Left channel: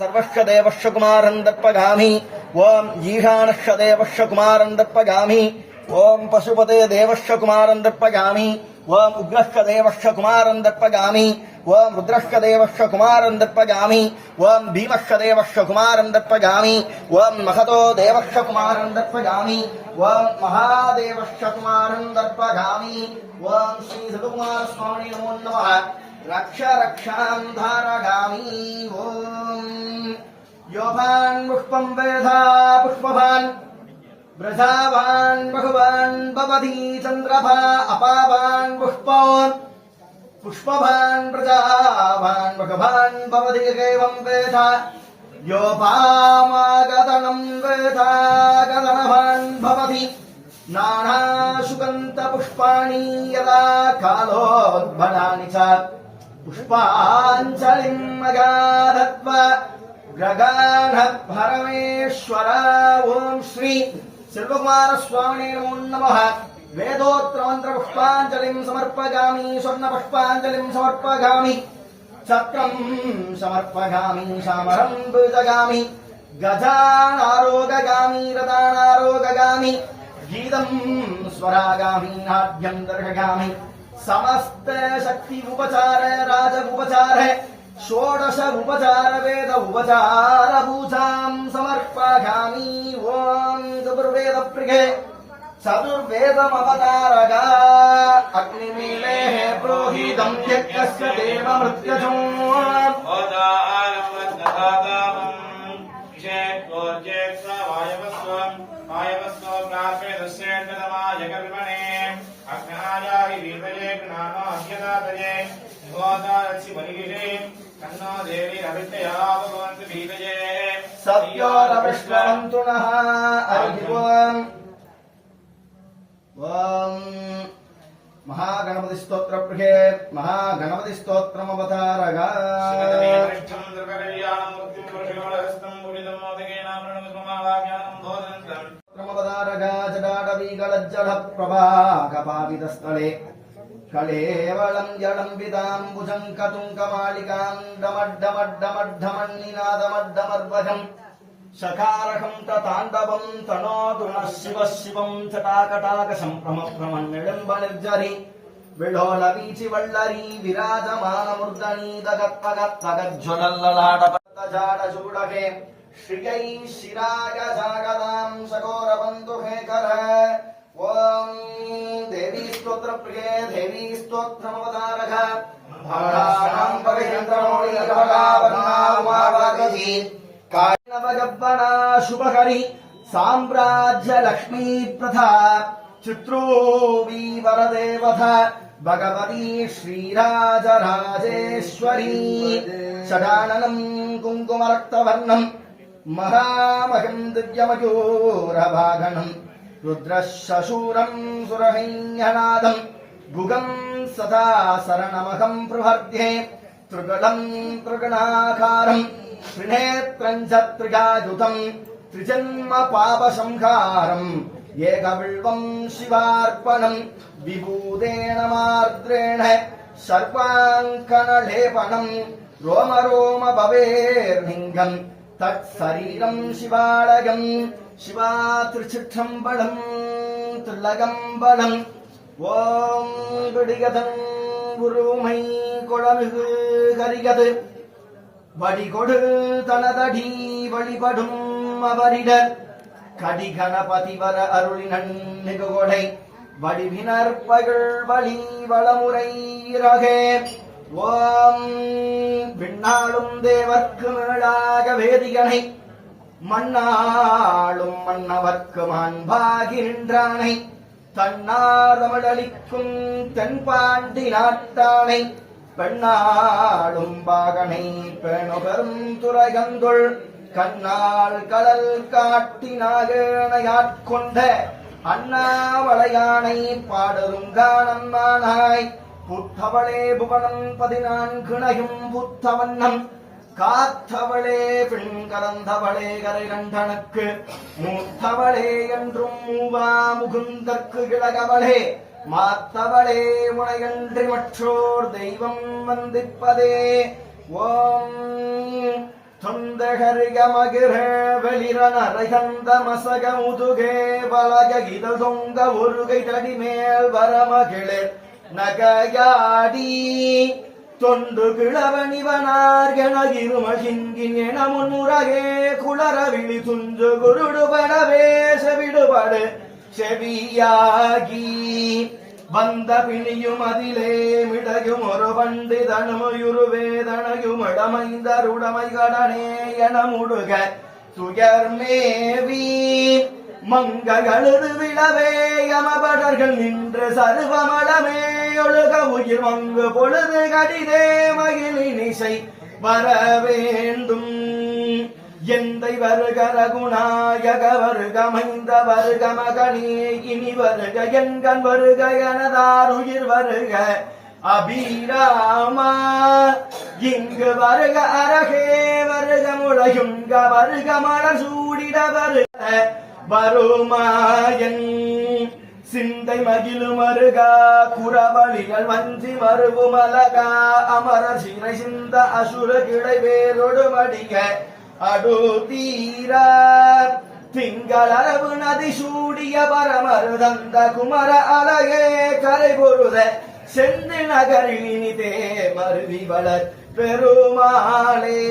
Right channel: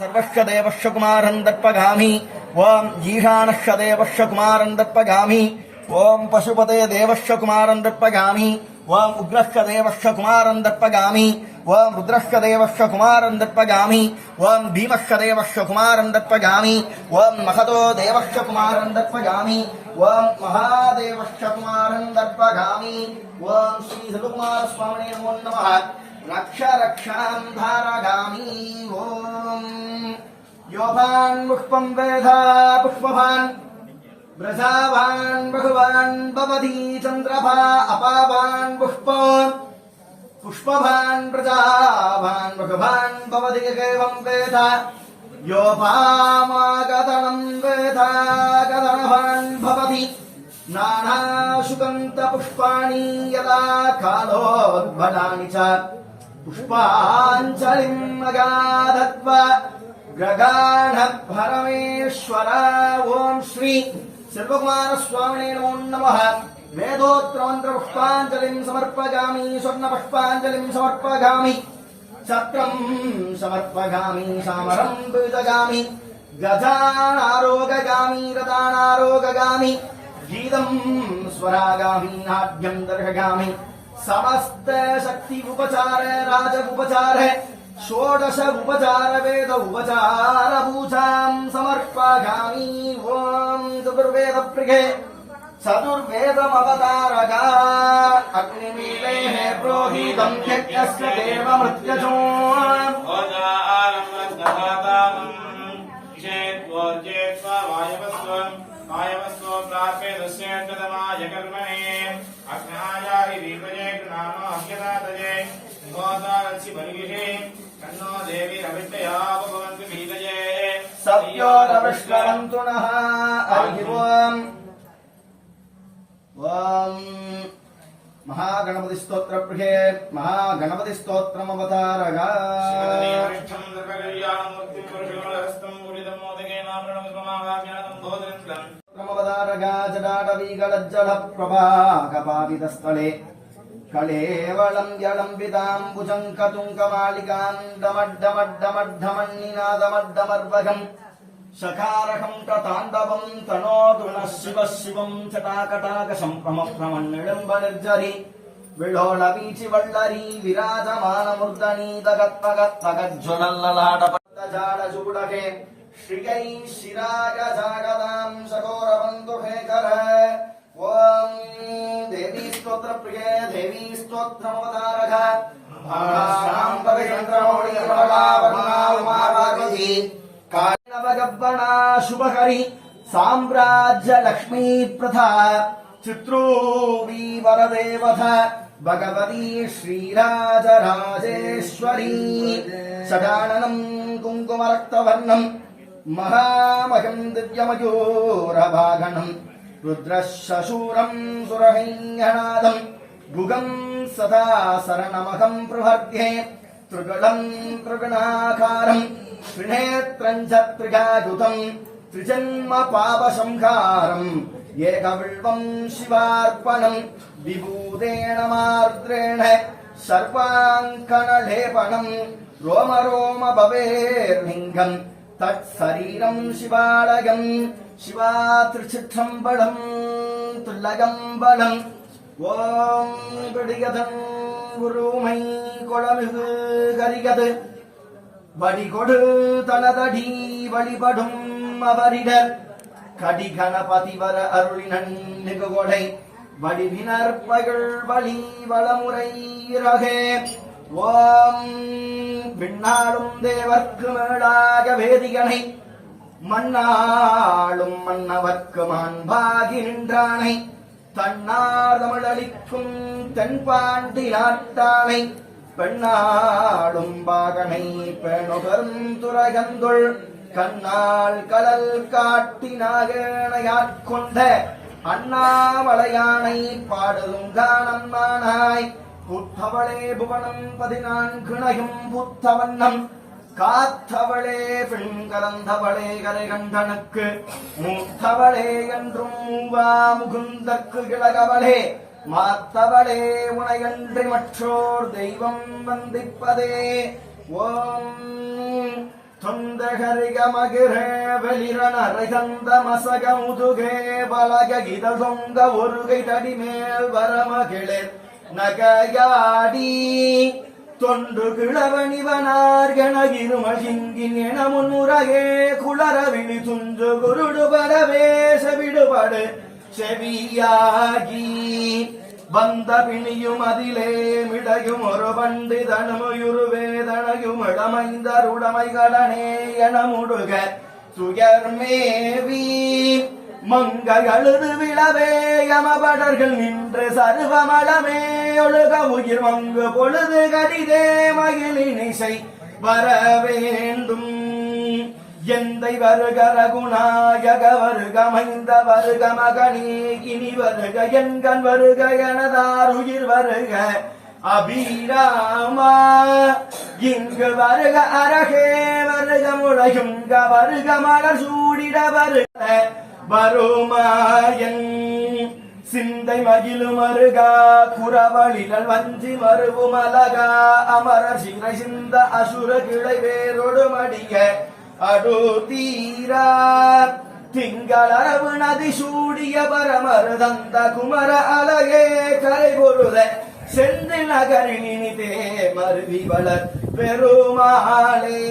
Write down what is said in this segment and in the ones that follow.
सर्वश्वदेवश्य कुमारं दर्पगामि ओम ईशानश्य देवश्य कुमारं दर्पगामि ओम पशुपते देवश्य कुमारं दर्पगामि ओम उग्रश्य देवश्य कुमारं दर्पगामि ओम रुद्रश्य देवश्य कुमारं दर्पगामि ओम भीमश्य देवश्य कुमारं दर्पगामि ओम महतो देवश्य कुमारं दर्पगामि ओम महादेवश्य कुमारं दर्पगामि ओम श्री शिवकुमार स्वामी नमो नमः रक्ष रक्षां धारगामि ओम योभान् पुष्पं वेधा पुष्पभान् व्रजावान् बहुवान् भवति चन्द्रभा अपावान् पुष्पभान् प्रजावान् बहुवान् भवति एवं वेद योपामागतनं वेदा गतवान् भवति नानाशुगन्धपुष्पाणि यदा कालोद्भटानि च पुष्पाञ्जलिम् अगाधत्वा गगानभरमेश्वर ओम श्री शिवकुमार स्वामिने नमो नमः वेदोत्र मंत्र पुष्पांजलिं समर्पयामि स्वर्ण पुष्पांजलिं समर्पयामि छत्रं समर्पयामि सामरं पूजयामि गजानारोगयामि रदानारोगयामि गीतं स्वरागामि नाट्यं दर्शयामि समस्त शक्ति उपचार राज उपचार षोडश उपचार वेद उपचार पूजां समर्पयामि ओम चतुर्वेद प्रिये चतुर्वेदमवतारगा अग्निमीलेः प्रोहितं यज्ञस्य देव मृत्युजो वायवस्व प्राप्य दस्येन्द्रमाय कर्मणे अग्नायाय वीतये ज्ञानाभ्यदातये गोदारसि बलिगिषे कन्नो देवी रविष्टया भगवन्तु भीतये सत्यो रविष्वन्तु नः हरिः ओम महागणपति स्तोत्र प्रिये महागणपति स्तोत्रमवतारगा जडाटवीगलज्जल प्रभाकपापितस्थले कलेवलं जलम्बिताम्बुजं कतुङ्कमालिकां डमड्डमड्डमड्डमन्निनादमड्डमर्वजम् सकारकं तताण्डवं तनोतु नः शिवः शिवं चटाकटाकशं प्रमप्रमन्निडम्बनिर्जरि विलोलवीचि वल्लरी विराजमानमूर्धनि दगत्पगत्पगज्ज्वलल्ललाटपट्टजाडचूडके श्रियै शिराय जागदां शकोरबन्धुहेकर ओम देवी स्तोत्र प्रिये देवी स्तोत्रमवतारः भागानां भगचन्द्रमौळि भगवावन्ना उमापार्वती कायनवगब्बना शुभकरी साम्राज्य लक्ष्मी प्रथा चित्रूपी वरदेवथ भगवती श्रीराजराजेश्वरी षडाननम् कुङ्कुमरक्तवर्णम् महामहिम् दिव्यमयूरवाहनम् रुद्रशूरम् सुरहैन्यनादम् गुगम् सदा शरणमहम् प्रवर्ध्ये त्रिगुणम् त्रिगुणाकारम् त्रिनेत्रम् च त्रिगायुतम् त्रिजन्म पापसंहारम् एकविल्वम् शिवार्पणम् विभूतेन मार्द्रेण सर्वाङ्कणलेपनम् रोम रोम भवेर्लिङ्गम् तत्शरीरम् शिवालयम् शिवा त्रिचित्रम्बलम् त्रिलगम्बलम् ஓம் துடிகதன் குருமை கொளமிகு கரிகது வடிகொடு தனதடி வழிபடும் அவரிடர் கடிகணபதி வர அருளினன் நிகுகொடை வடிவினர் பகல் வழி வளமுறை இரகே ஓம் விண்ணாளும் தேவர்க்கு மேலாக வேதிகனை மண்ணாளும் மன்னவர்க்கு மாண்பாகி நின்றானை தன்னார்தமிழளிக்கும் தென்பாண்டி நாட்டானை பெண்ணாடும் பாகனை பெணுபெரும் துறைகந்துள் கண்ணால் கடல் காட்டினாகேனையாட்கொண்ட அண்ணாவளையானை பாடுதும் காணம்மானாய் புத்தவளே புவனம் 14 புத்தவண்ணம் காத்தவளே பெண் கலந்தவளே கரை கண்டனுக்கு மூத்தவளே என்றும் மூவா முகுந்தற்கு கிழகவளே மாத்தவளே முனையன்றி மற்றோர் தெய்வம் வந்திப்பதே ஓம் தொந்தகரிகமகிர வெளிரனரைகந்த மசக முதுகே பலக கித தொங்க ஒருகை தடிமேல் வரமகிழே நகையாடி தொண்டு கிழவனிவனார்கெனகிருமகிங்கின் என முன்னுரகே குளரவிழி துஞ்சு குருடுபடவே செவிடுபடு செவியாகி வந்த பிணியும் அதிலே மிடையும் ஒரு பண்டிதனுமயுருவேதனையும் இடமைந்தருடமை கடனே என முடுக துயர்மேவி மங்கை அழுது விழவே யமபடர்கள் நின்று சருவமளமே ஒழுக உயிர் மங்கு பொழுது கடிதே மகிழினிசை வர வேண்டும் எந்தை வருக ரகுநாயக வருக மைந்த வருக மகனே இனி வருக எங்கன் வருக எனதார் உயிர் வருக அபிராமா இங்கு வருக அரகே வருக முளையுங்க வருக மலர் சூடிட வருக வருமாயன் சிந்தை மகிழு மருகா குறவழிகள் வஞ்சி மருவும் அலகா அமர சிறை சிந்த அசுர கிளை வேரோடு மடிய அடுதீரா திங்களரவு நதி சூடிய பரமரு தந்த குமர அழகே கரை பொருத செந்து நகரினிதே மருவி வளர் பெருமாளே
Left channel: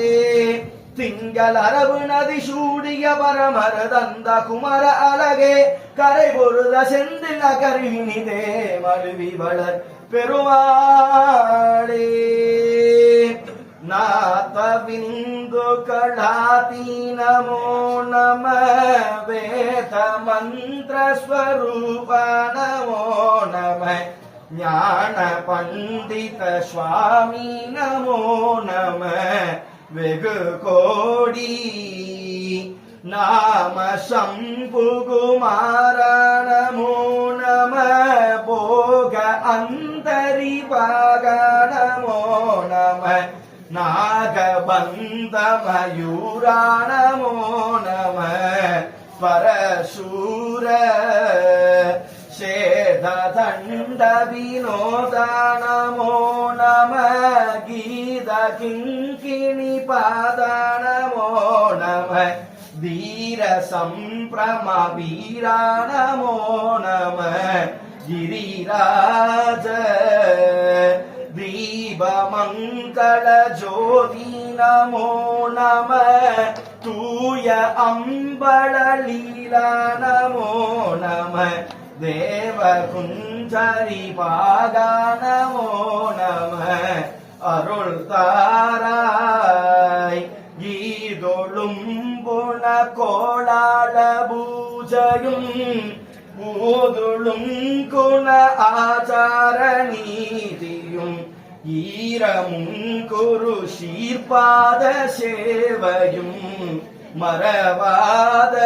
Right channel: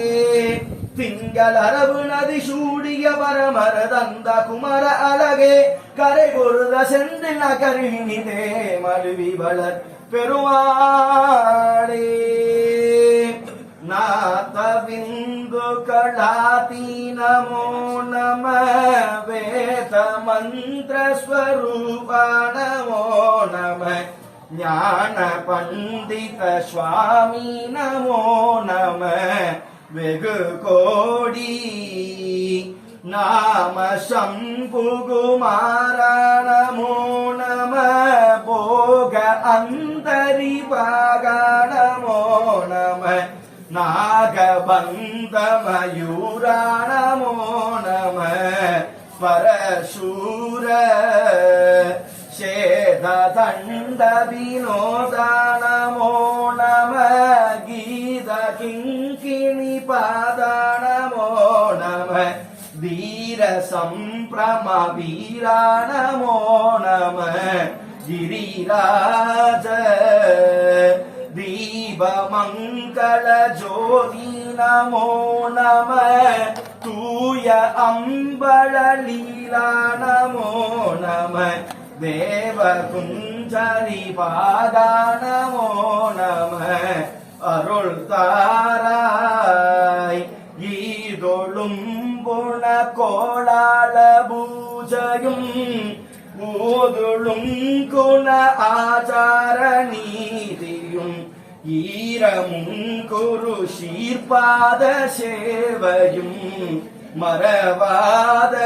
திங்கள் அரவு நதி சூடிய பரமர தந்த குமர அழகே கரை பொருத செந்து நகரினிதே மருவி வளர் பெருமாளே நாதவிந்து கடாதி நமோ நம வேத மந்திர ஸ்வரூப நமோ நம ஞான பண்டித சுவாமி நமோ நம வெகு கோடி நாம சம்புகுமார நமோ நம போக அந்தரிபாக நமோ நம நாகபந்த மயூரா நமோ நம பரசூர சேததண்ட வினோத நமோ நம கீத கிங்கிணி பாத நமோ நம வீர சம்பிரம வீரா நமோ நம கிரிராஜ தீபமங்கள ஜோதி நமோ நம தூய அம்பள லீலா நமோ நம தேவகுஞ்சரி பாதா நமோ நம அருள் தாராய் ஈதொழும் புன கோளாள பூஜையும் ஊதுளும் குண ஆச்சார நீதியும் ஈரமும் குரு சீர்பாத சேவையும் மறவாத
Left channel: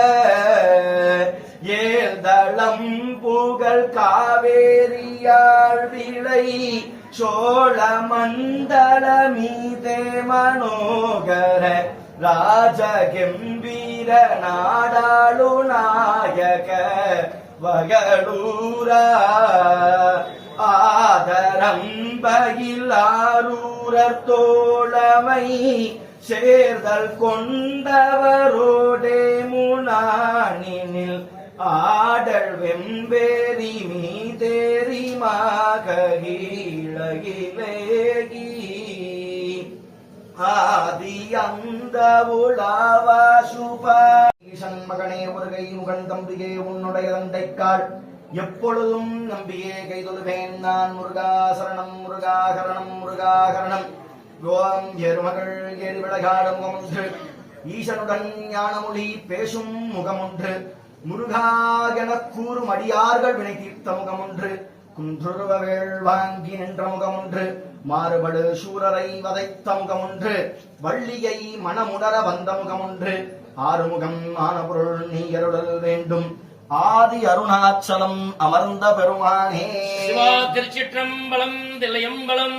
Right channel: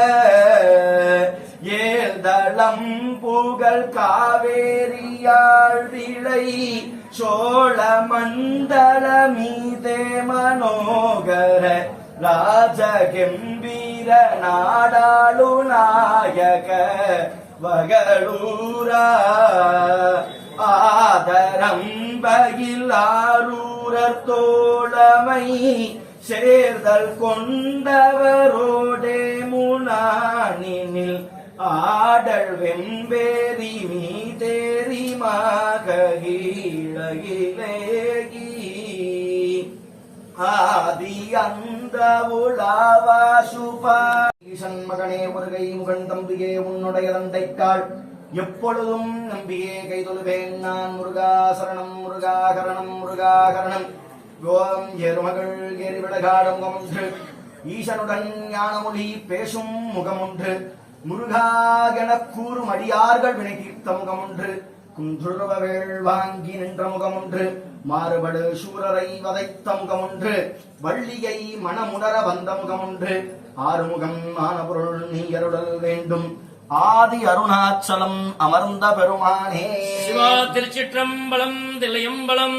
ஏழ்தளம் புகழ் காவேரியாழ் விளை சோழ மண்டல மீதே மனோகர ராஜகம்பீர நாடாளு நாயக வகளூரா ஆதரம் பகிலாரூரர் தோழமை சேர்தல் கொண்டவரோடே முனானினில் ஆடல் வெம்பேரி மீதேரி மாகீழகிலேகி ஆதி அந்த உலாவா சுபா ஈசன் மகனே ஒருகை முகன் தம்பிகே உன்னுடைய தந்தைக்காள் எப்பொழுதும் நம்பியே கைதொழுவேன் நான் முருகா சரணம் முருகா கரணம் முருகா கரணம் கோம் எருமகள் எரிவிளகாடும் முகமொன்று ஈசனுடன் ஞானமொழி பேசும் முகமொன்று முருகாகெனக் கூறும் அடியார்கள் வினை தீர்த்த முகமொன்று குன்றுருவவேள் வாங்கி நின்ற முகமொன்று மாறுபடு சூரரை வதைத்த முகமொன்று வள்ளியை மனமுணர வந்த முகமொன்று ஆறுமுகம் ஆன பொருள் நீ அருளல் வேண்டும் ஆதி அருணாச்சலம் அமர்ந்த பெருமானே சிவா திருச்சிற்றம்பலம் தில்லையம்பலம்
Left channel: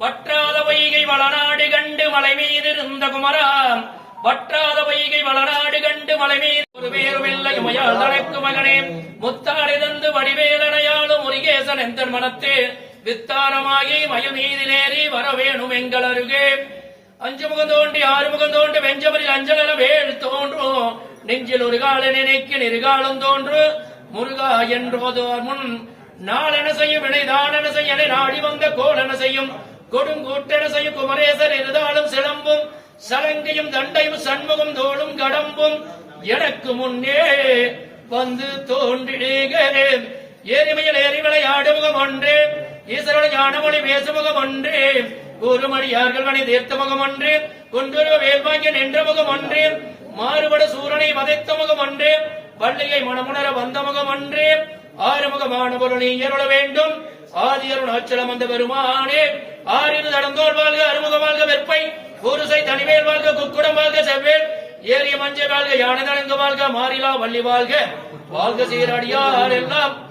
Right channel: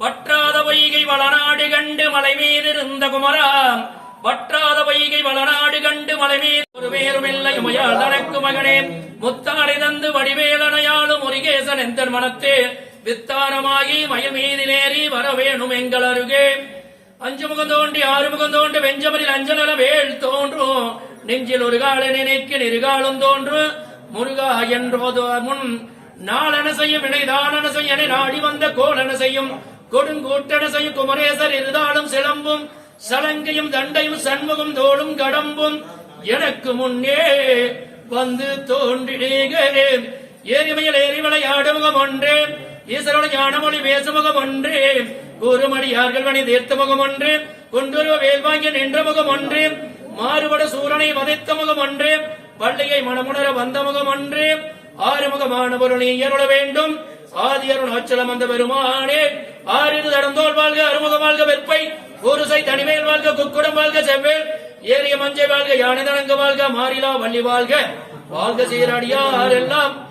வற்றாத வைகை வளநாடு கண்டு மலை மீதிருந்த குமராம் வற்றாத வைகை வளநாடு கண்டு மலை மீது ஒரு வேறுமில்லை உமையால் தனக்கு மகனே முத்தாடி தந்து வடிவேலனையாளும் முருகேசன் எந்தன் மனத்தே வித்தாரமாகி மயில் மீதிலேறி வரவேணும் எங்கள் அருகே அஞ்சு முகம் தோண்டி ஆறு முகம் தோண்டி வெஞ்சமரில் அஞ்சலன வேள் தோன்றும் நெஞ்சில் ஒரு கால நினைக்கு நெருகாலம் தோன்று முருகா என்பதோர் முன் நாளென செய்யும் வினைதானென செய்ய நாடி வந்த கோலென செய்யும் கொடுங்கூட்டென செய்யும் குமரேசர் இருந்தாலும் சிலம்பும் சலங்கையும் தண்டையும் சண்முகம் தோளும் கடம்பும் எனக்கு முன்னே வந்து தோன்றினீர்களே ஏரிமையில் ஏறி விளையாடு முகம் ஒன்றே ஈஸ்வரனுடைய ஞானமொழி பேசுமுகம் ஒன்றே கூறுமடியார்கள் மணி தீர்த்த முகம் ஒன்று குன்றுருவ வேல்வாங்கிய நின்ற முகம் ஒன்று மாறுபட சூரனை வதைத்த முகம் ஒன்று வள்ளியை மனமுணர வந்த முகம் ஒன்று ஆறுமுகமான பொருள் நீ அருள வேண்டும் ஆதி அருணாச்சலம் அந்த பெருமானே ஆறிரு தடந்தோல் வாழ்க அறுமுக வாழ்க வெற்பை ஊருசை தனிவேல் வாழ்க குக்குடம் வாழ்க செவ்வேல் ஏறிய மஞ்சை வாழ்க யானை தடங்க வாழ்க மாறிலா வள்ளி வாழ்க வாழ்க சீரடியார் எல்லாம்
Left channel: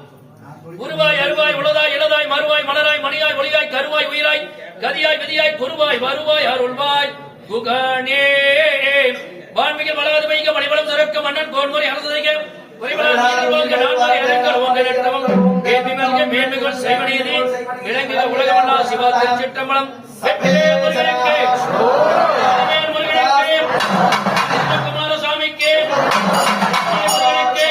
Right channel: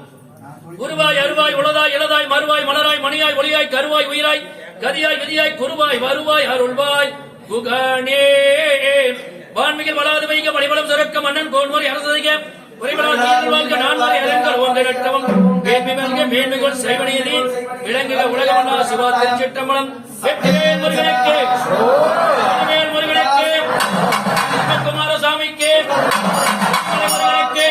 உருவாய் அருவாய் உளதாய் இளதாய் மறுவாய் மலராய் மணியாய் ஒளியாய் கருவாய் உயிராய் கதியாய் விதியாய் குருவாய் வருவாய் அருள்வாய் குகனே வான்மிகள் வளாது வைக்க வழிபலம் சிறக்க மன்னன் கோன்முறை அரசு செய்க மேன்மைகள் செய்வனீதி இளங்கில உலகமல்லா சிவா திருச்சிற்றம்பலம் முருகனுக்கு குமாரசாமிக்கு குமரனுக்கு